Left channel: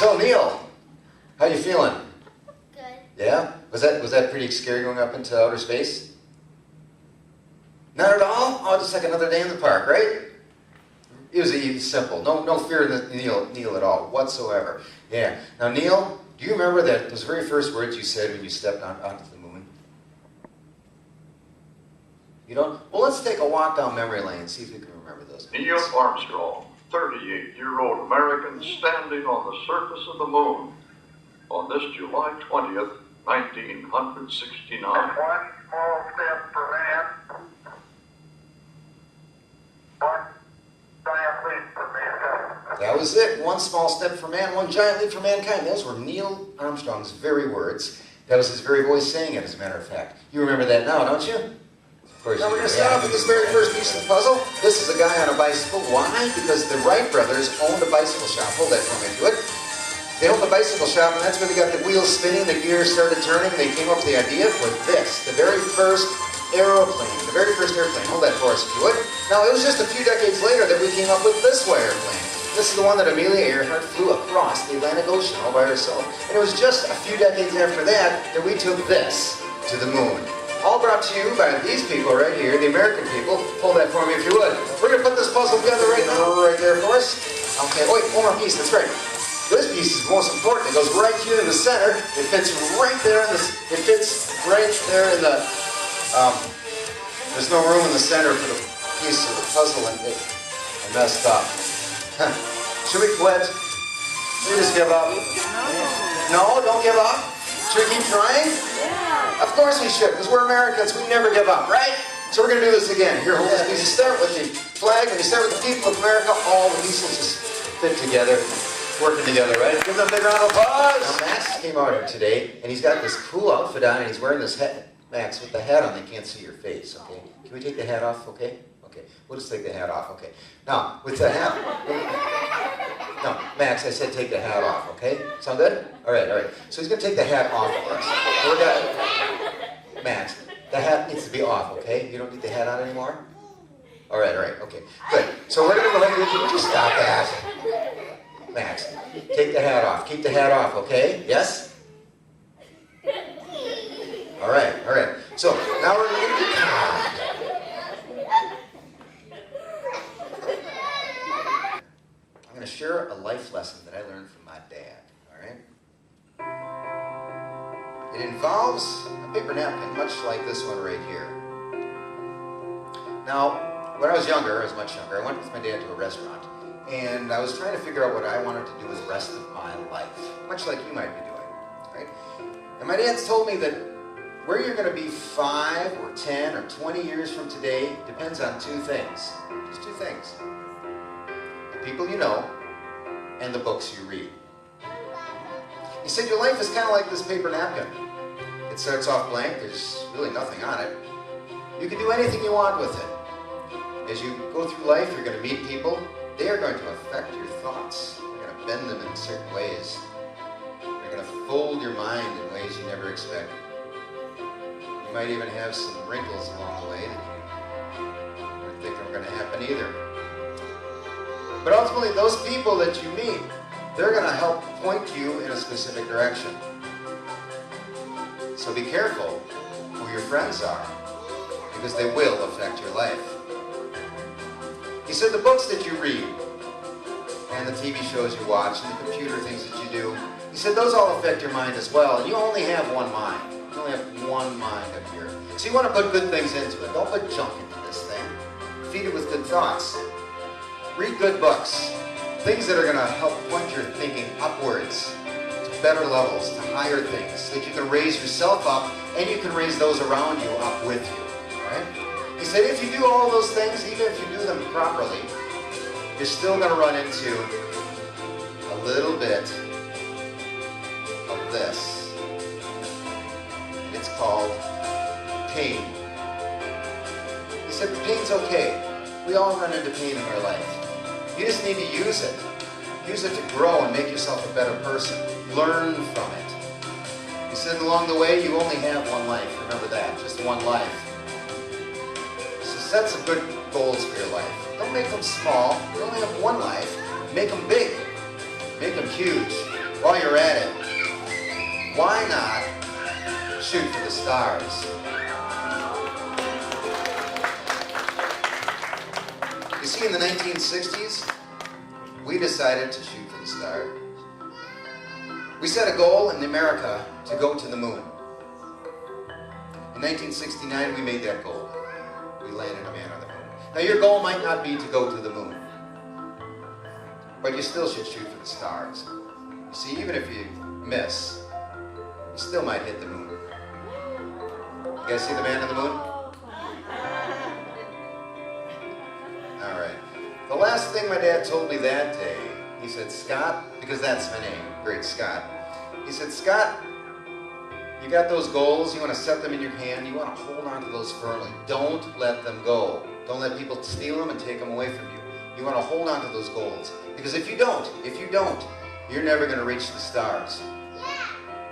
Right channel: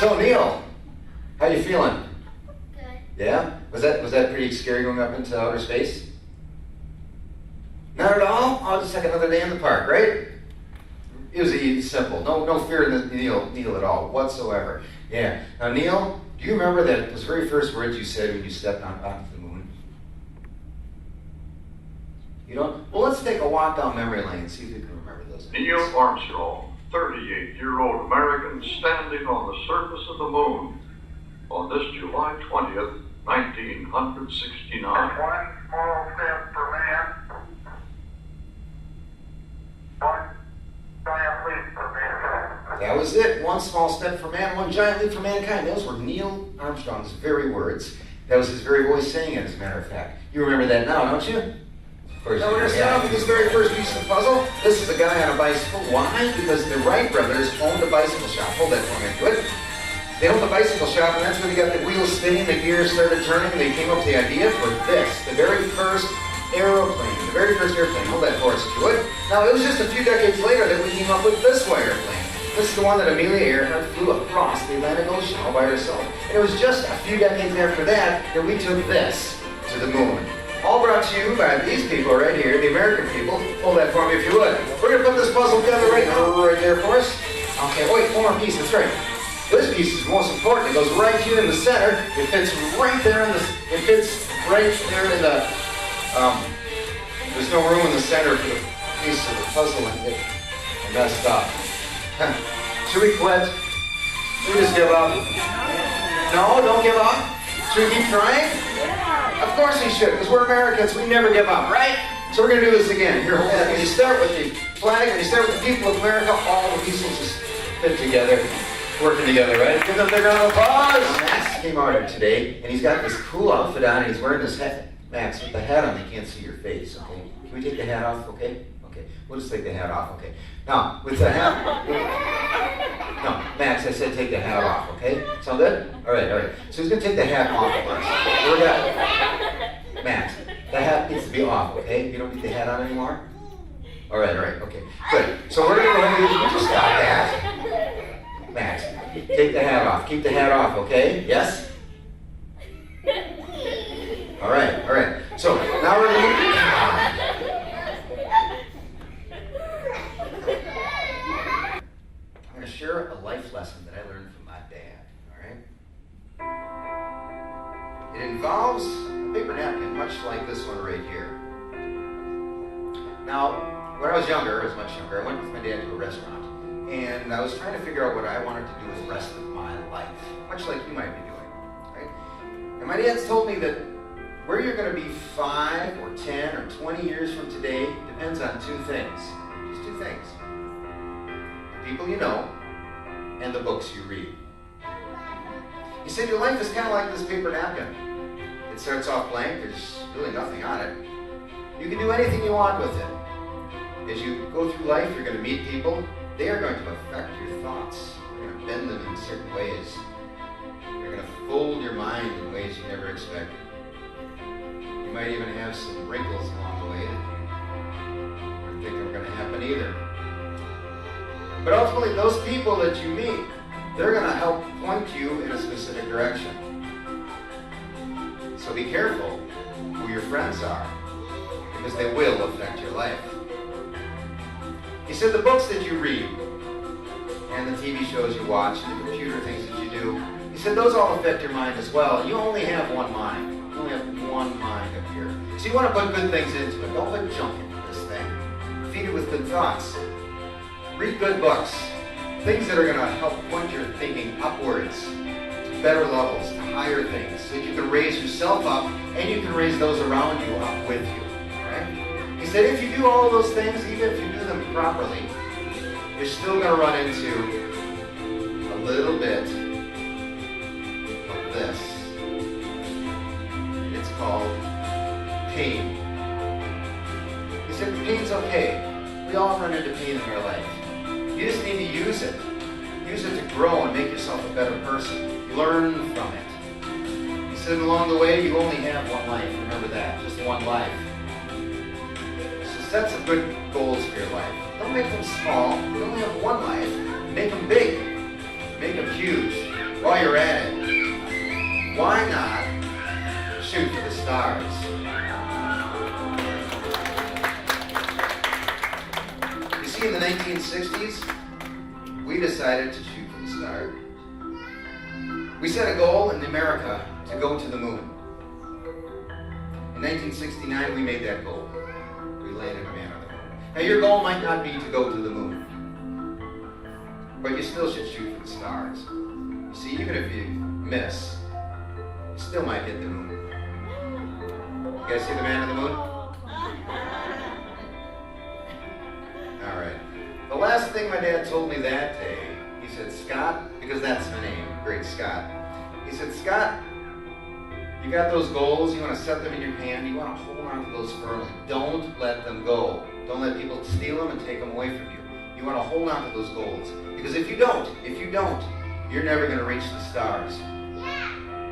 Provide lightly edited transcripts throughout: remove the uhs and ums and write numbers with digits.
So Neil, how you feeling? Good. Yeah? Was that pretty scary going up into outer space? Not at all? Oh, just like another day in the park, right? It was simple. No fear in Neil at all, whatsoever. Yeah. Now Neil, do you remember those very first words you said when you stepped onto the moon? You don't? Well, let's take a walk down memory lane and see if you can remember those. Neil Armstrong, 38-year-old American, standing on the surface of the moon on this July 20th, 1969. One small step for man, one giant leap for mankind. That was it. One small step for man, one giant leap for mankind. Those were Neil Armstrong's very words. That was his very voice saying it, as a matter of fact. You remember that now, don't you? Of course. Now we're going to start off with this very first piece of the puzzle. This is a guy on a bicycle. Why? Because the Wright brothers owned a bicycle shop. Hold that for me, if you would. They owned a bicycle shop, and that's when they got the wheels spinning, the gears started turning, and they came up with the idea for this, the very first aeroplane. The very first airplane. Hold that for us, if you would. Now, it was just a few decades later that we came up with this way airplane. This is the one that Amelia Earhart flew across the Atlantic Ocean all by herself. And it was just a few decades after that we took this to the moon. All brought to you by these people right here, the American people. Hold that for me if you would. We're going to put this puzzle together right now, right there for us. Okay, wait, one more piece, that's right. This piece is most important. It goes right here in the center. It fits right there in the, there's no room in the center for the piece of the puzzle, and it messed up. Should we quit? Should we just give up? No, don't give up. Should we keep trying? Of course we should, because we're Americans. We never give up, right? So we're going to do this again. Here, hold that. You start with the flag, and you start with the people of America. All the pieces just fit together, working together, right? Give them a big round of applause. Now, Max came out here today, and he's got this cool outfit on, and he's wearing this hat. Max, with the hat on, they can't see your face, okay? Can we take the hat off, okay? Okay, we'll just take the hat off, okay? Now, with the hat... No, Max, I said take the hat off, okay? Sound good? All right. So he's going to take the hat off of us. Max, the hat needs to be off, okay? You don't need the hat on anymore? All right, okay. Good. So we're going to go ahead and do... Just stop that. Max, take the hat off. Keep the hat off, okay? Yes? All right. So now we're going to... I'm going to share a life lesson that I learned from my dad, all right? It involves a paper napkin, much like this one right here. Now, when I was much younger, I went with my dad to a restaurant, and I was trying to figure out what I wanted to do with the rest of my life, much like you might be doing, right? And my dad's told me that where you're going to be 5 or 10 or 20 years from today depends on two things, just two things. People you know, and the books you read. He said your life is kind of like this paper napkin. It starts off blank, there's really nothing on it. You can do anything you want with it. As you go through life, you're going to meet people. They are going to affect your thoughts. You're going to bend them in certain ways. You're going to fold your mind in ways you never expect. You might even have some wrinkles along the way that you didn't think were going to happen either. But ultimately, those people that you meet, they're going to help point you in a specific direction. So be careful who your friends are, because they will affect your life. He said the books that you read, and the TV shows you watch, and the computer things that you do, he said those all affect your mind as well. You only have one mind. You only have one mind up here. So you want to put good things into it. Don't put junk into this thing. Feed it with good thoughts. Read good books, things that are going to help point your thinking upwards to better levels, to higher things, so that you can raise yourself up and you can raise those around you up with you. Right? He said if you do all those things, even if you do them properly, you're still going to run into a little bit of this. It's called pain. He said the pain's okay. We all run into pain in our life. You just need to use it. Use it to grow and make yourself a better person. Learn from it. He said along the way, you only have one life. Remember that, just one life. So set some good goals for your life. Don't make them small. You only have one life. Make them big. Make them huge. while you're at it, why not shoot for the stars? You see, in the 1960s, we decided to shoot for the stars. We set a goal in America to go to the moon. In 1969, we made that goal. We landed a man on the moon. Now, your goal might not be to go to the moon, but you still should shoot for the stars. You see, even if you miss, you still might hit the moon. You guys see the man on the moon? All right. The last thing my dad told me that day, he said, Scott, because that's my name, Great Scott. He said, Scott, you got those goals, you want to set them in your hand, you want to hold on to those firmly. Don't let them go. Don't let people steal them and take them away from you. You want to hold on to those goals. Because if you don't, you're never going to reach the stars.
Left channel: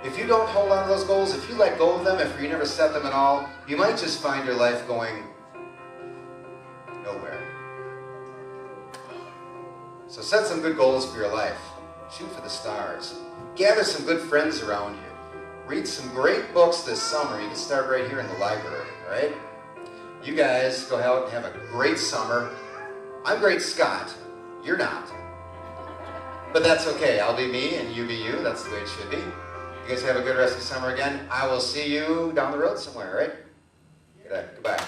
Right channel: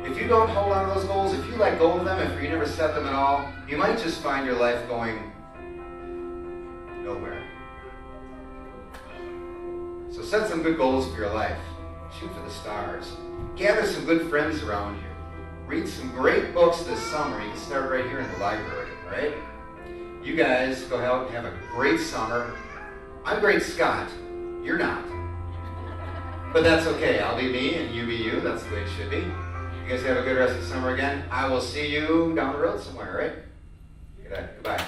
If you don't hold on to those goals, if you let go of them, if you never set them at all, you might just find your life going nowhere. So set some good goals for your life. Shoot for the stars. Gather some good friends around you. Read some great books this summer. You can start right here in the library, all right? You guys go out, have a great summer. I'm Great Scott. You're not. But that's okay. I'll be me and you be you. That's the way it should be. You guys have a good rest of the summer again. I will see you down the road somewhere, all right? Goodbye.